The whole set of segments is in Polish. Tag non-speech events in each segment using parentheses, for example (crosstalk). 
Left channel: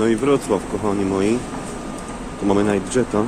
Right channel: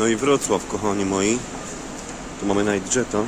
No i Wrocław, kochani moi. Tu mamy Nightjeta.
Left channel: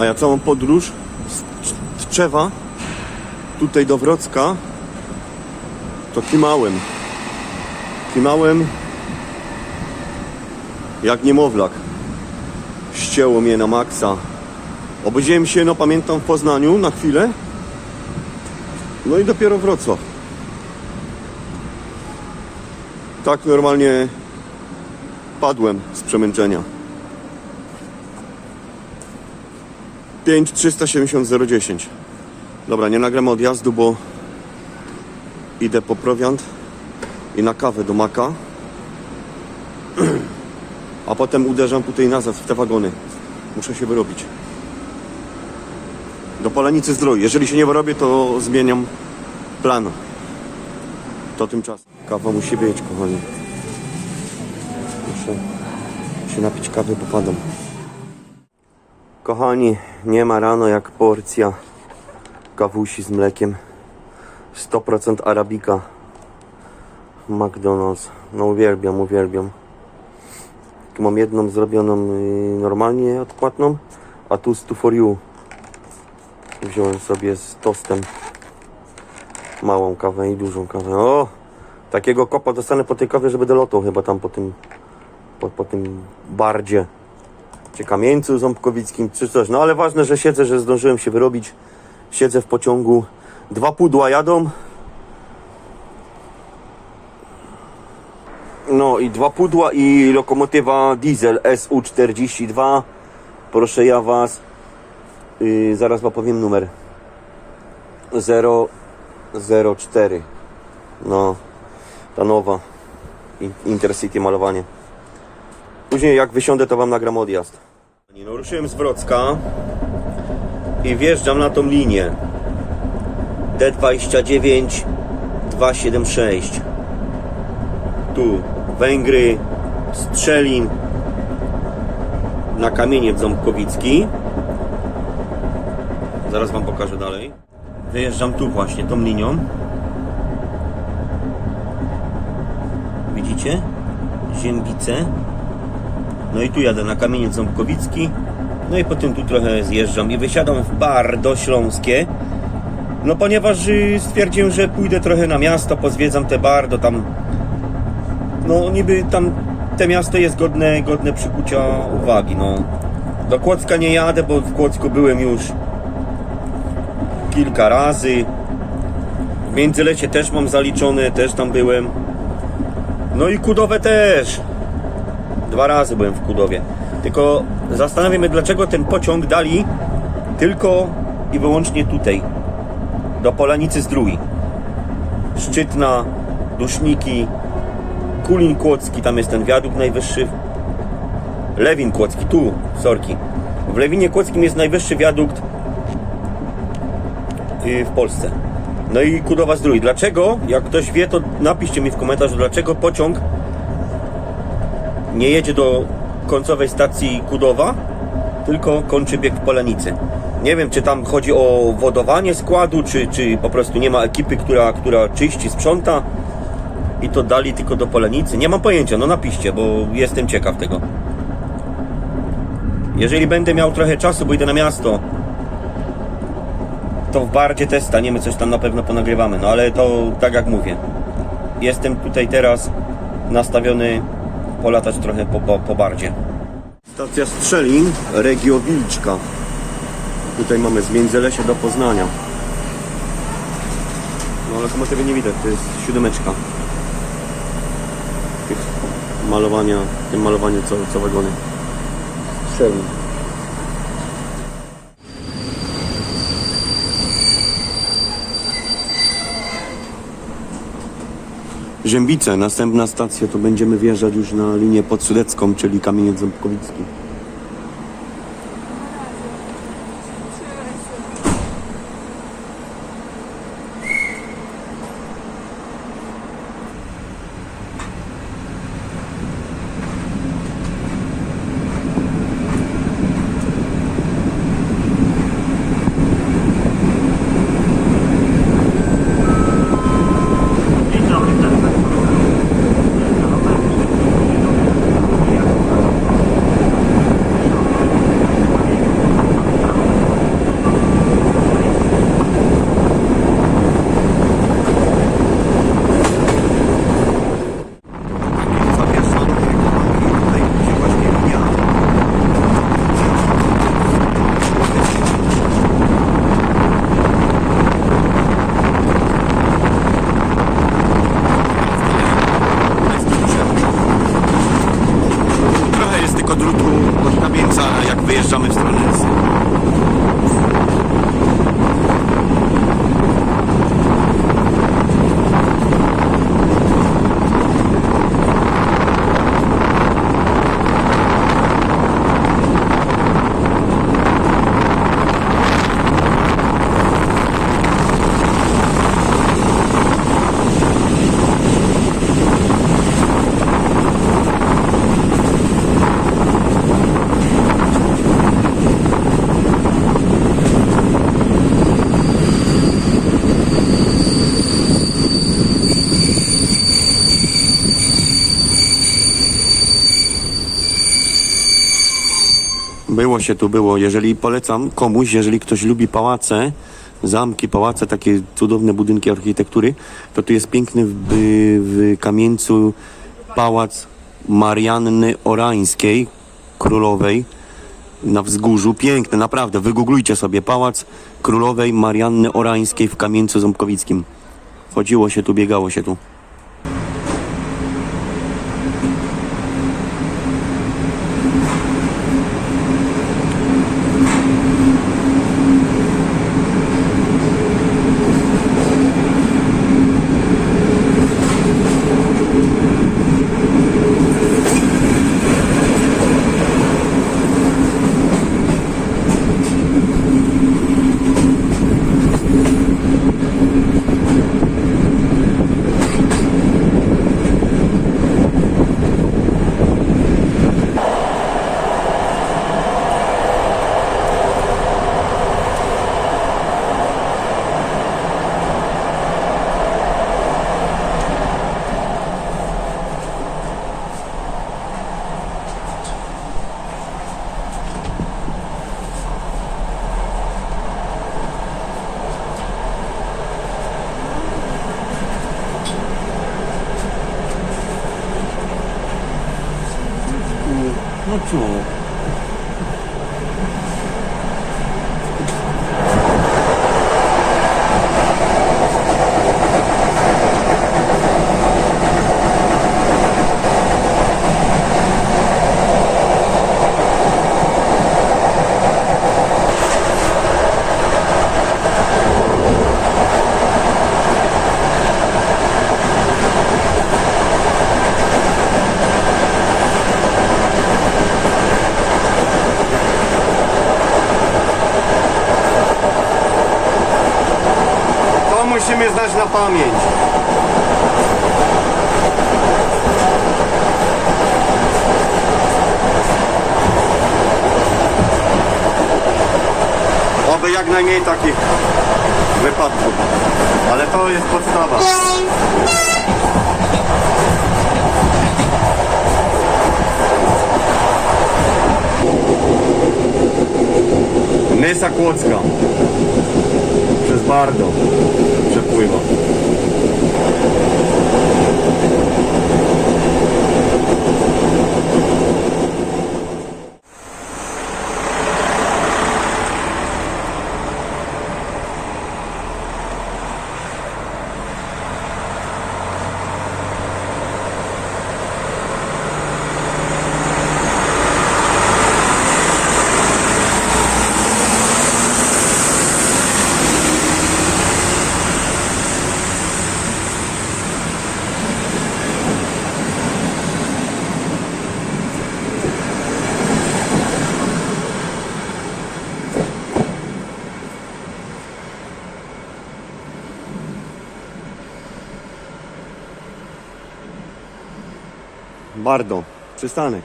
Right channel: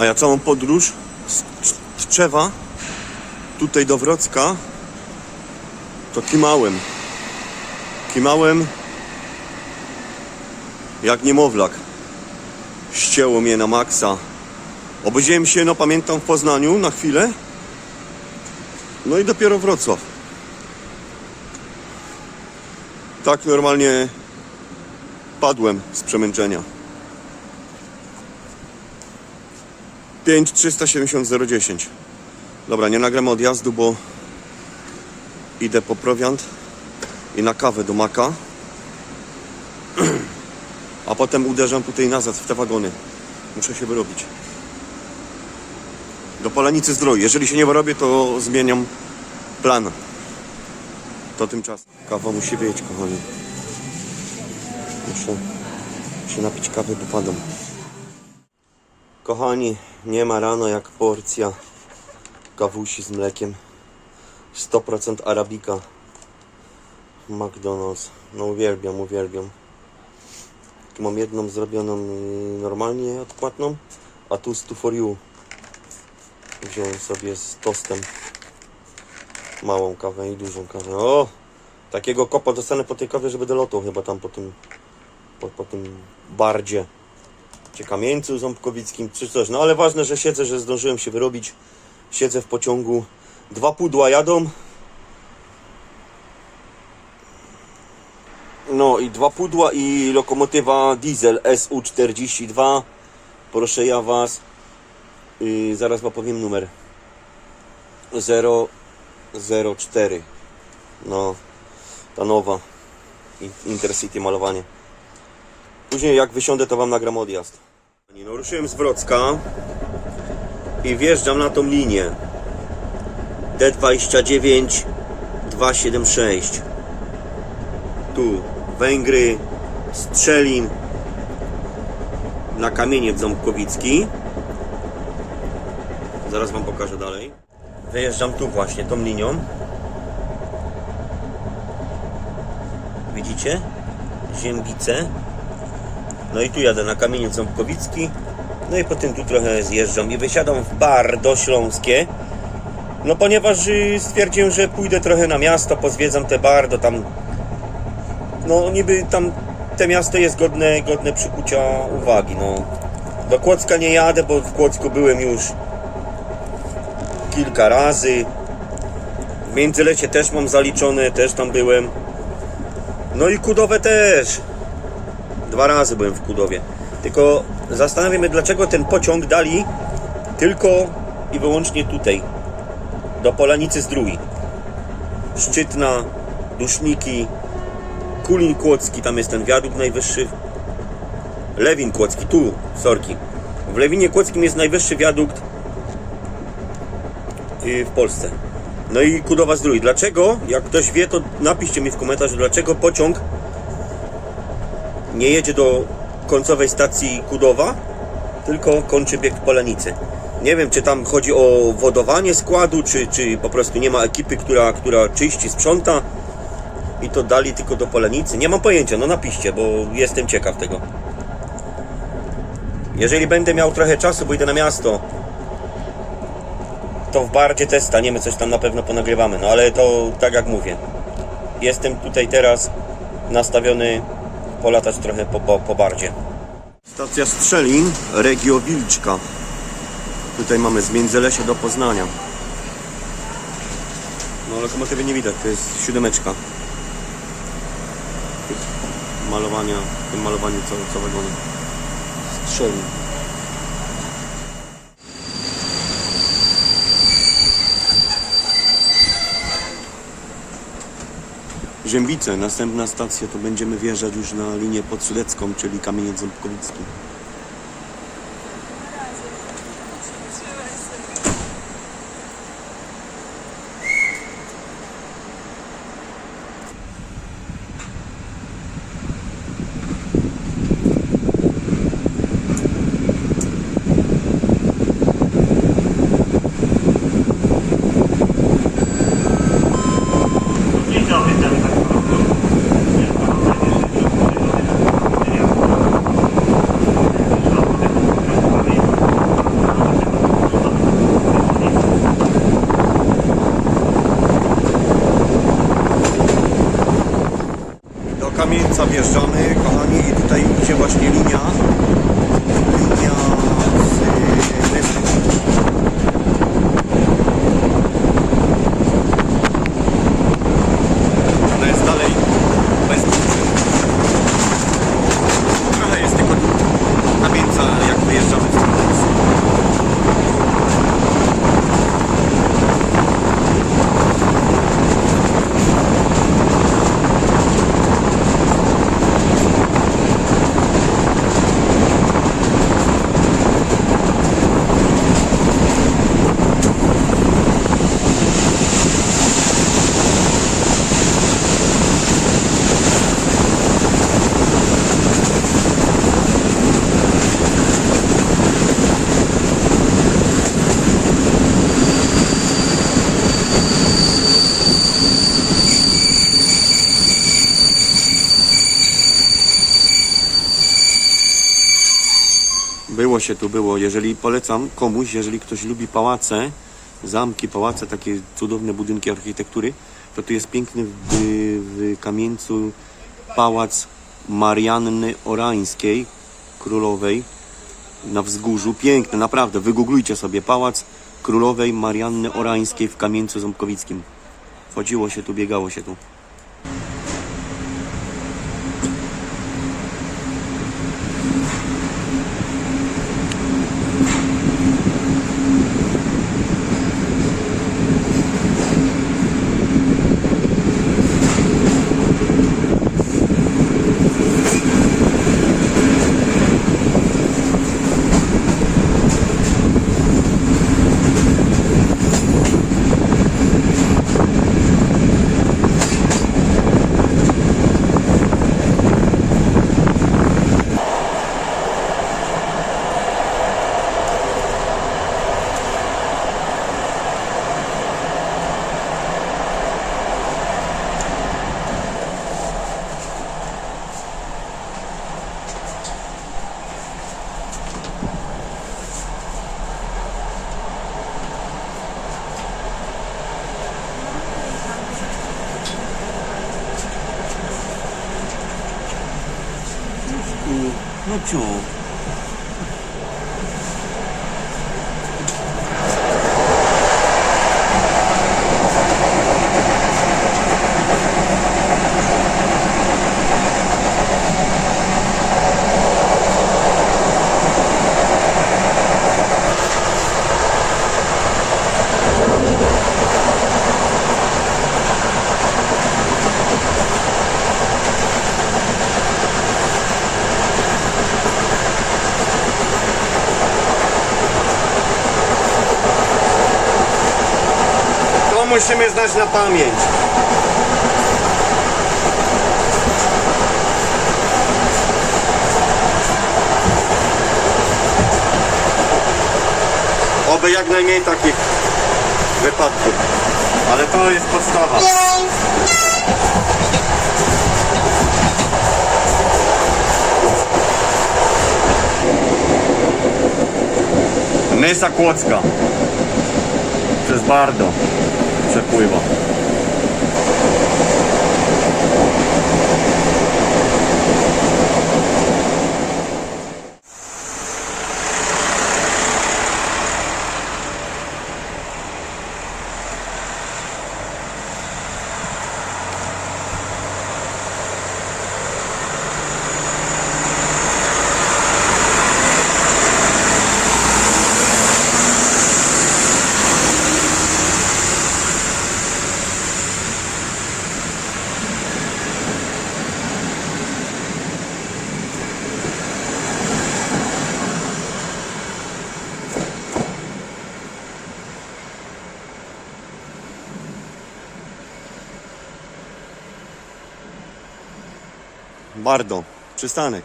A ja całą podróż z z Czewa tutaj do Wrocka to kimałem. Kimałem jak niemowlak. Ścięło mnie na maksa. Obudziłem się, no pamiętam, w Poznaniu na chwilę. No i dopiero Wrocław. Tak normalnie padłem z przemęczenia. 5 370 010 Dobra, nie nagramy odjazdu, bo idę po prowiant i na kawę do Maka. (clears throat) A potem uderzam tutaj nazad w te wagony. Muszę się wyrobić. Do Polanicy Zdrój. Jeżeli się nie wyrobię, to zmieniam plan. To tymczasem. Kawa musi być, kochani. Muszę się napić kawy, bo padam. Kochani, nie ma rano jak porcja kawusi z mlekiem. 100% arabika. McDonald's. No uwielbiam, uwielbiam. Mam jedną zrobioną normalnie odpłatną, a tu z 2 for you. Wziąłem sobie z tostem małą kawę i dużą kawę. O! Takiego kopa dostanę po tej kawie, żeby do lotu chyba tam po tym po, po tym bardzie czy kamieńcu ząbkowickim, czy coś. No ale ważne, że siedzę, że zdążyłem się wyrobić. Siedzę w pociągu. Dwa pudła jadą. No i dwa pudła i lokomotywa diesel SU42. Proszę ja was. Yy, zaraz wam powiem numer. 004. No, ta nowa. In- Intercity malowanie. Później jak wysiądę, to wam nagram odjazd. No, ruszyłem z Wrocka i wjeżdżam na tą linię. D29 276. Tu Węgry, Strzelin, na kamieniec Ząbkowicki. Zaraz wam pokażę dalej. Wyjeżdżam tu właśnie, tą linią. Widzicie? Ziębice. No i tu jadę na kamieniec Ząbkowicki. No i potem tu trochę zjeżdżam i wysiadam w bar do Śląskie. No ponieważ y, stwierdziłem, że pójdę trochę na miasto, pozwiedzam te bar, do tam... No niby tam te miasto jest godne, godne przykucia uwagi, no. Do Kłodzka nie jadę, bo w Kłodzku byłem już kilka razy. W Międzylecie też mam zaliczone, też tam byłem. No i Kudowe też. Dwa razy byłem w Kudowie. Tylko zastanawiam się, dlaczego ten pociąg dali tylko i wyłącznie tutaj. Do Polanicy Zdrój. Szczytna, Duszniki, Kulin Kłodzki, tam jest ten wiadukt najwyższy. Lewin Kłodzki, tu, sorki. W Lewinie Kłodzkim jest najwyższy wiadukt y, w Polsce. No i Kudowa Zdrój. Dlaczego? Jak ktoś wie, to napiszcie mi w komentarzu, dlaczego pociąg nie jedzie do końcowej stacji Kudowa, tylko kończy bieg Polanicy. Nie wiem, czy tam chodzi o wodowanie składu, czy, czy po prostu nie ma ekipy, która, która czyści, sprząta i to dali tylko do Polanicy. Nie mam pojęcia, no napiszcie, bo jestem ciekaw tego. Jeżeli będę miał trochę czasu, bo idę na miasto, to w bardzie też staniemy, coś tam na pewno ponagrywamy. No ale to tak jak mówię, jestem tutaj teraz nastawiony polatać trochę po, po, po bardzie. Stacja Strzelin, Regio Wilczka. Tutaj mamy z Międzylesia do Poznania. No lokomotywy nie widać, to jest siódemeczka. Tych malowania, w tym malowaniu co, co wagony. Strzelin. Rzębice. Następna stacja to będziemy wjeżdżać już na linię podsudecką, czyli Kamieniec Ząbkowicki. Dzień dobry, tak, tak. Do Kamieńca wjeżdżamy, kochani, i tutaj idzie właśnie linia. Linia z... To jest dalej bez drutu. Tu trochę jest tylko drutu od Kamieńca, jak wyjeżdżamy w stronę Lisu. Było się tu, było. Jeżeli polecam komuś, jeżeli ktoś lubi pałace, zamki, pałace, takie cudowne budynki architektury, to tu jest piękny w, w Kamieńcu pałac Marianny Orańskiej, królowej, na wzgórzu. Piękny, naprawdę. Wygooglujcie sobie pałac królowej Marianny Orańskiej w Kamieńcu Ząbkowickim. Chodziło się tu, biegało się tu. No co? Musimy znać na pamięć. Oby jak najmniej takich wypadków. Ale to jest podstawa. Nysa Kłodzka przez Bardo ゃ怖いわ。Bardo, przystanek.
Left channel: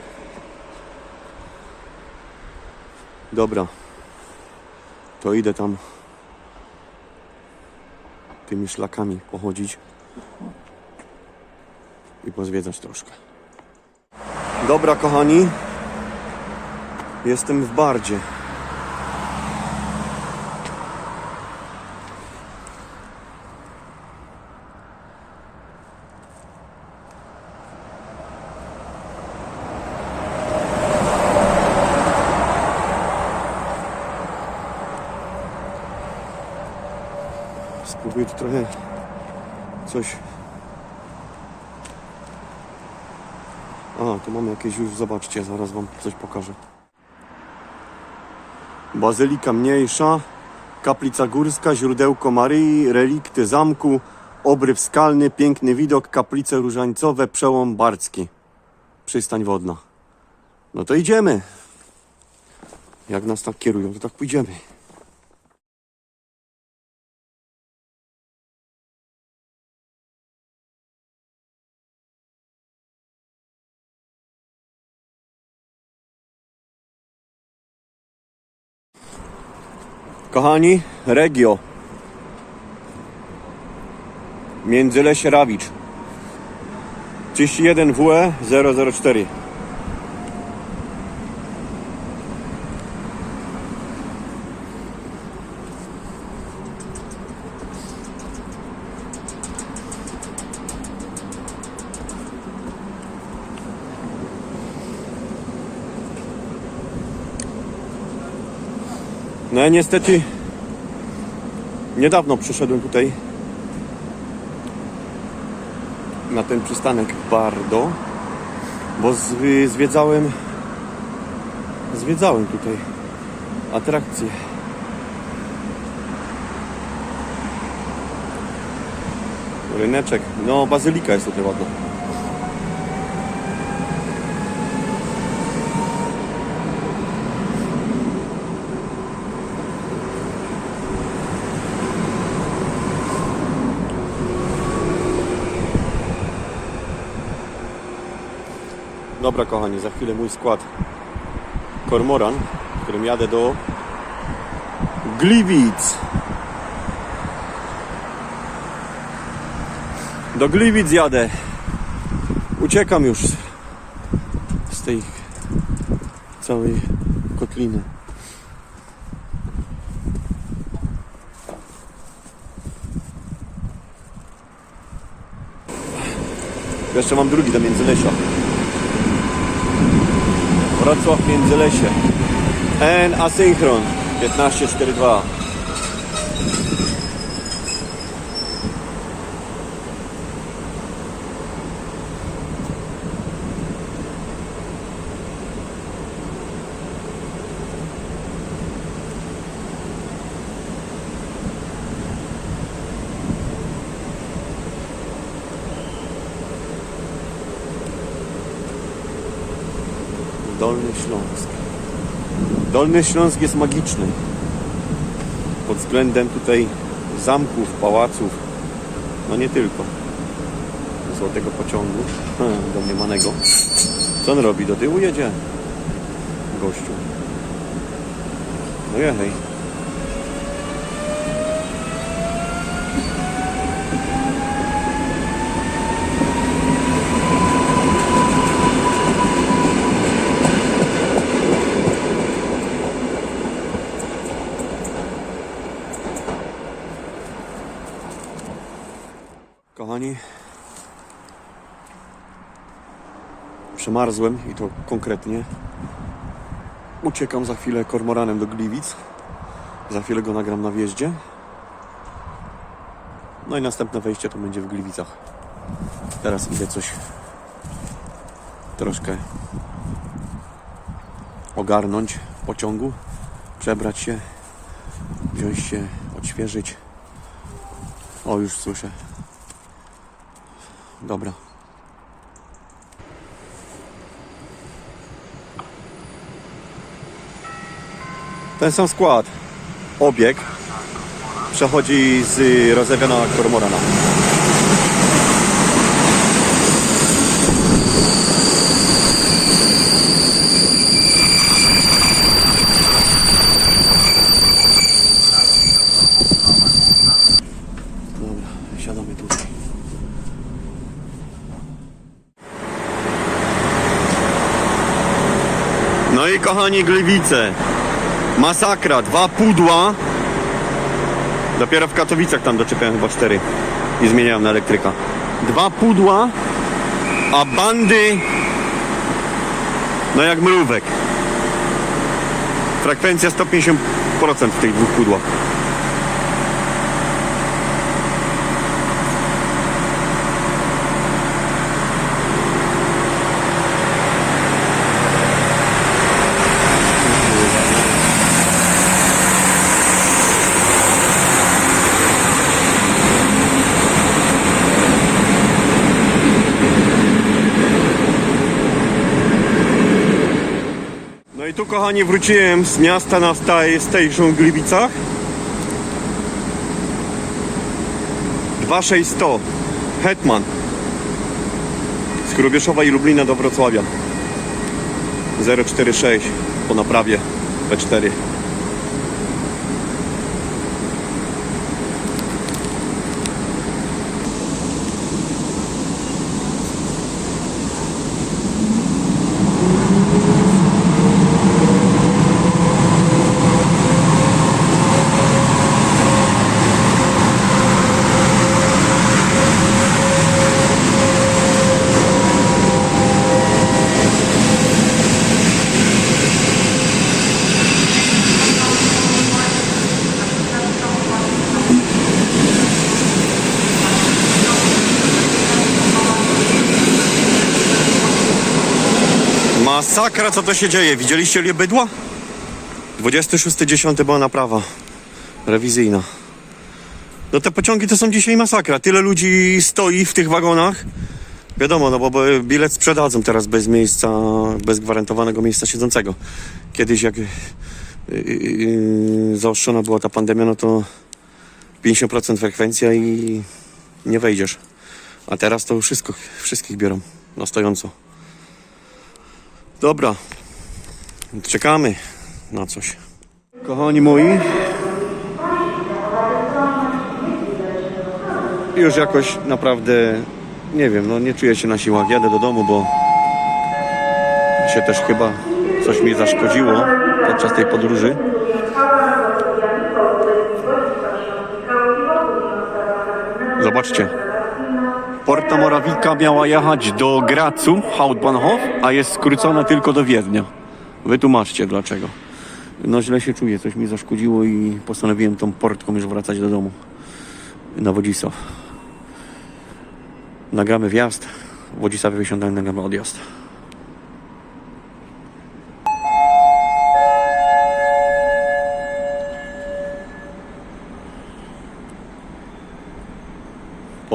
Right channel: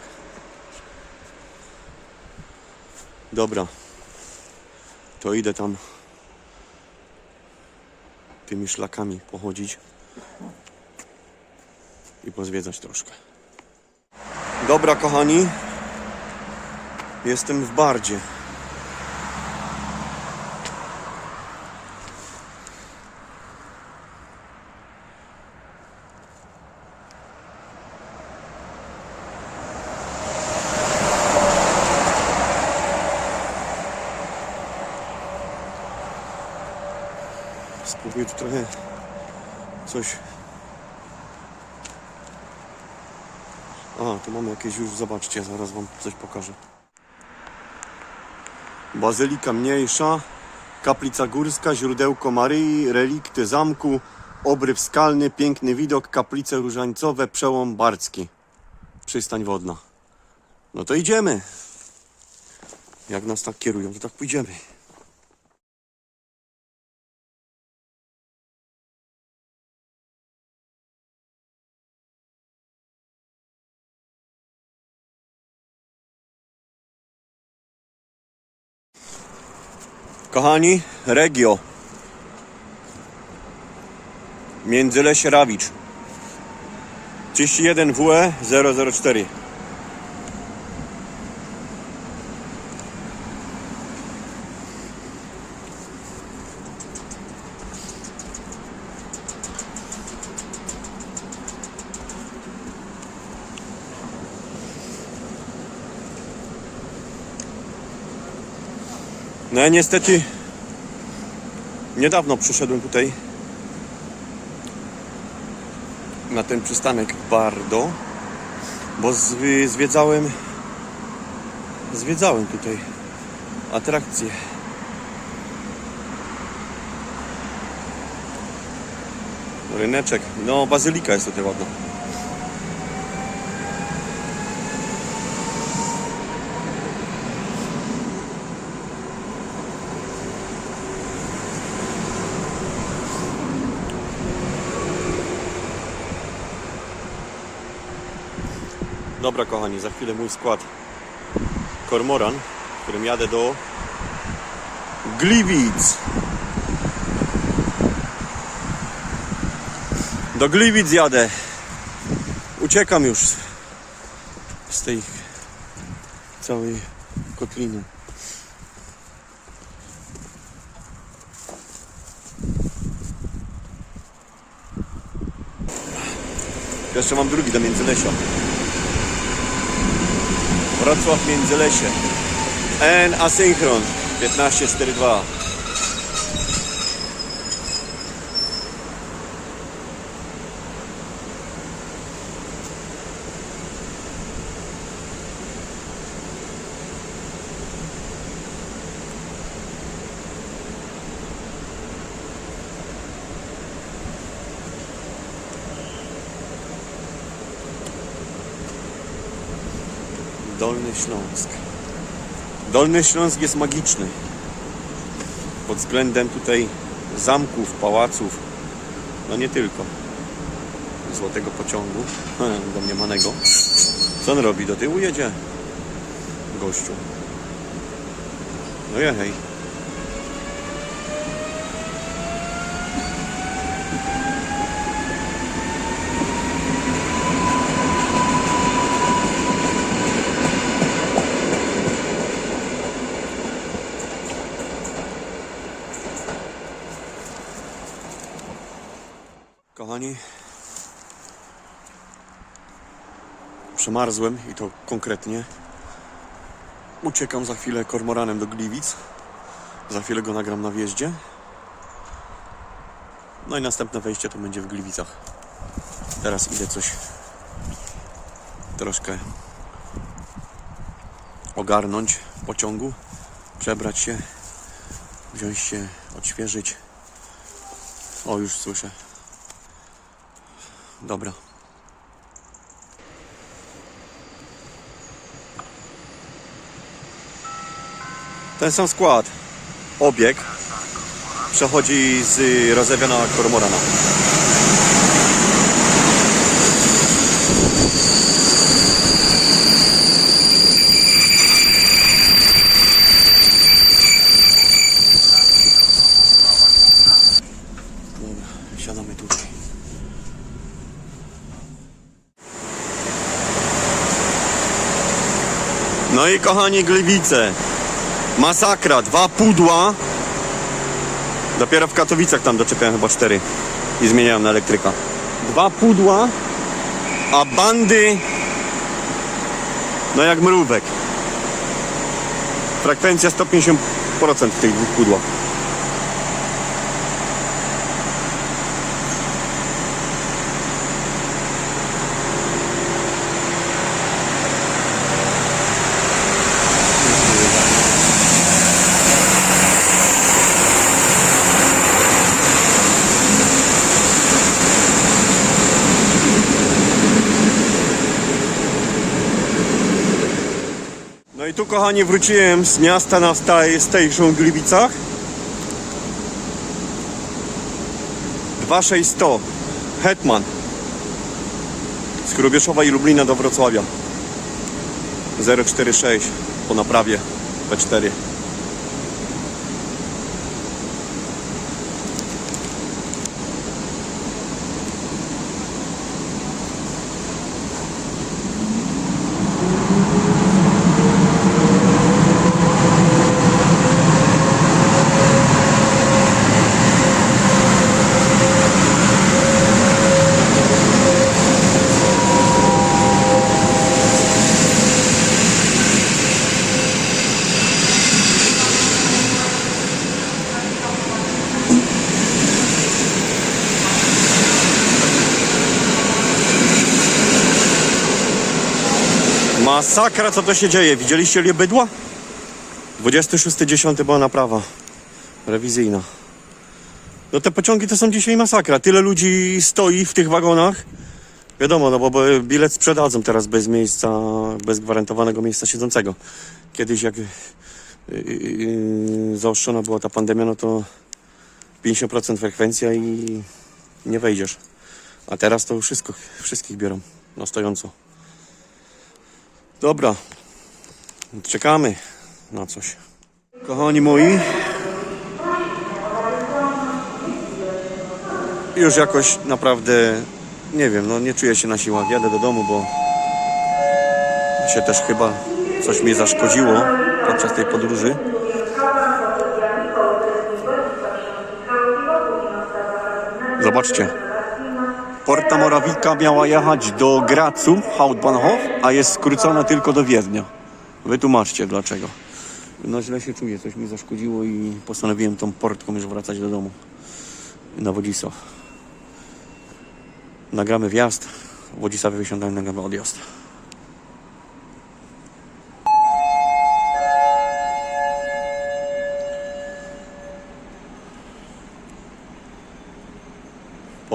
Dobra. To idę tam tymi szlakami pochodzić i pozwiedzać troszkę. Dobra, kochani. Jestem w Bardzie. Spróbuję tu trochę coś. A, tu mamy jakieś już, zobaczcie, zaraz wam coś pokażę. Bazylika mniejsza, kaplica górska, źródełko Maryi, relikty zamku, obryw skalny, piękny widok, kaplice różańcowe, przełom barcki. Przystań wodna. No to idziemy. Jak nas tak kierują, to tak pójdziemy. Kochani, Regio. Międzylesie Rawicz. 31 WE 004. No ja niestety niedawno przyszedłem tutaj na ten przystanek Bardo, bo zwi- zwiedzałem zwiedzałem tutaj atrakcje. Ryneczek, no bazylika jest tutaj ładna. Dobra kochani, za chwilę mój skład Kormoran, którym jadę do Gliwic. Do Gliwic jadę. Uciekam już z tej całej kotliny. Jeszcze mam drugi do Międzylesia. Wrocław Międzylesie. N asynchron 1542. Dolny Śląsk. Dolny Śląsk jest magiczny. Pod względem tutaj zamków, pałaców. No nie tylko. Złotego pociągu (laughs) domniemanego. Co on robi? Do tyłu jedzie? Gościu. No jechaj. Kochani, przemarzłem i to konkretnie. Uciekam za chwilę kormoranem do Gliwic. Za chwilę go nagram na wjeździe. No i następne wejście to będzie w Gliwicach. Teraz idę coś troszkę ogarnąć w pociągu, przebrać się, wziąć się, odświeżyć. O, już słyszę Dobra. ten sam skład, obieg przechodzi z y, rozewiana kormorana. No i kochani gliwice. Masakra, dwa pudła. Dopiero w Katowicach tam doczepiałem chyba cztery i zmieniałem na elektryka. Dwa pudła, a bandy no jak mrówek. Frekwencja 150% w tych dwóch pudłach. Tu kochani wróciłem z miasta na Station Gliwicach 26100 Hetman. Z Krubieszowa i Lublina do Wrocławia. 046 po naprawie P4 Masakra, co to się dzieje? Widzieliście ile bydła? 26.10 była naprawa. Rewizyjna. No te pociągi to są dzisiaj masakra. Tyle ludzi stoi w tych wagonach. Wiadomo, no bo bilet sprzedadzą teraz bez miejsca, bez gwarantowanego miejsca siedzącego. Kiedyś jak yy, yy, zaostrzona była ta pandemia, no to 50% frekwencja i nie wejdziesz. A teraz to wszystko, wszystkich biorą na stojąco. Dobra, czekamy na coś. Kochani moi, już jakoś naprawdę, nie wiem, no nie czuję się na siłach. Jadę do domu, bo się też chyba coś mi zaszkodziło podczas tej podróży. Zobaczcie. Porta Morawika miała jechać do Gracu, Hauptbahnhof, a jest skrócona tylko do Wiednia. Wytłumaczcie dlaczego. No źle się czuję, coś mi zaszkodziło i postanowiłem tą portką już wracać do domu. Na Wodzisław. Nagramy wjazd, w Wodzisławie wysiądamy, nagramy odjazd.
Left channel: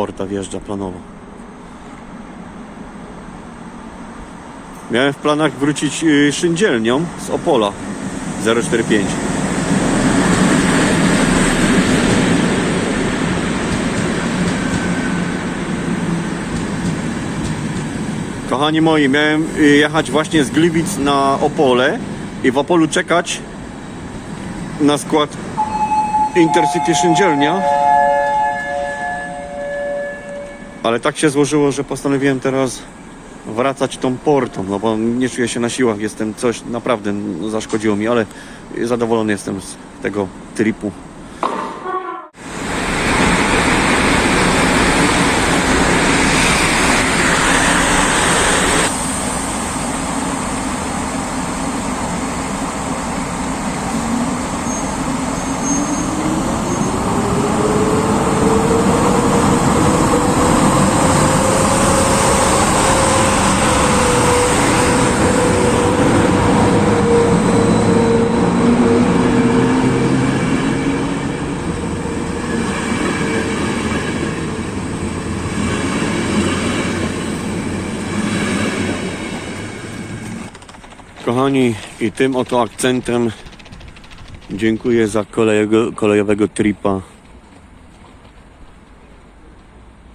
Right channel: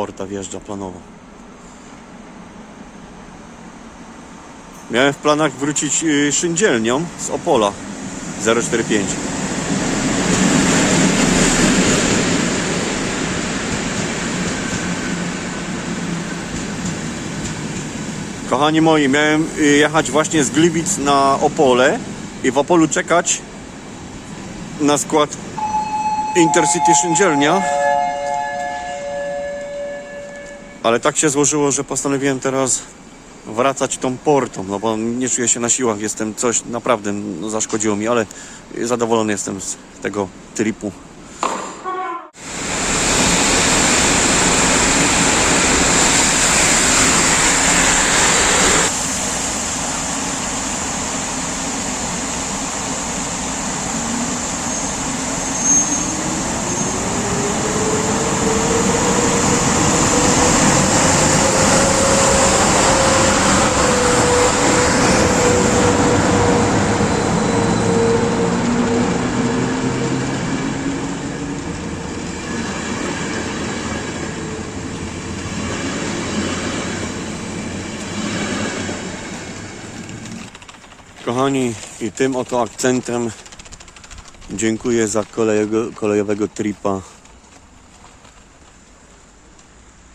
Porta wjeżdża planowo. Miałem w planach wrócić y, szyndzielnią z Opola 045. Kochani moi, miałem y, jechać właśnie z Gliwic na Opole i w Opolu czekać na skład Intercity Szyndzielnia. Ale tak się złożyło, że postanowiłem teraz wracać tą portą, no bo nie czuję się na siłach, jestem coś naprawdę no, zaszkodziło mi, ale zadowolony jestem z tego tripu. Kochani, i tym oto akcentem dziękuję za kolejego, kolejowego tripa.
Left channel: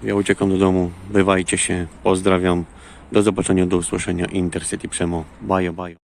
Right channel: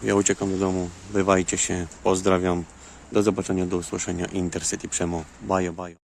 Ja uciekam do domu. Bywajcie się. Pozdrawiam. Do zobaczenia, do usłyszenia. Intercity Przemo. Bye, bye.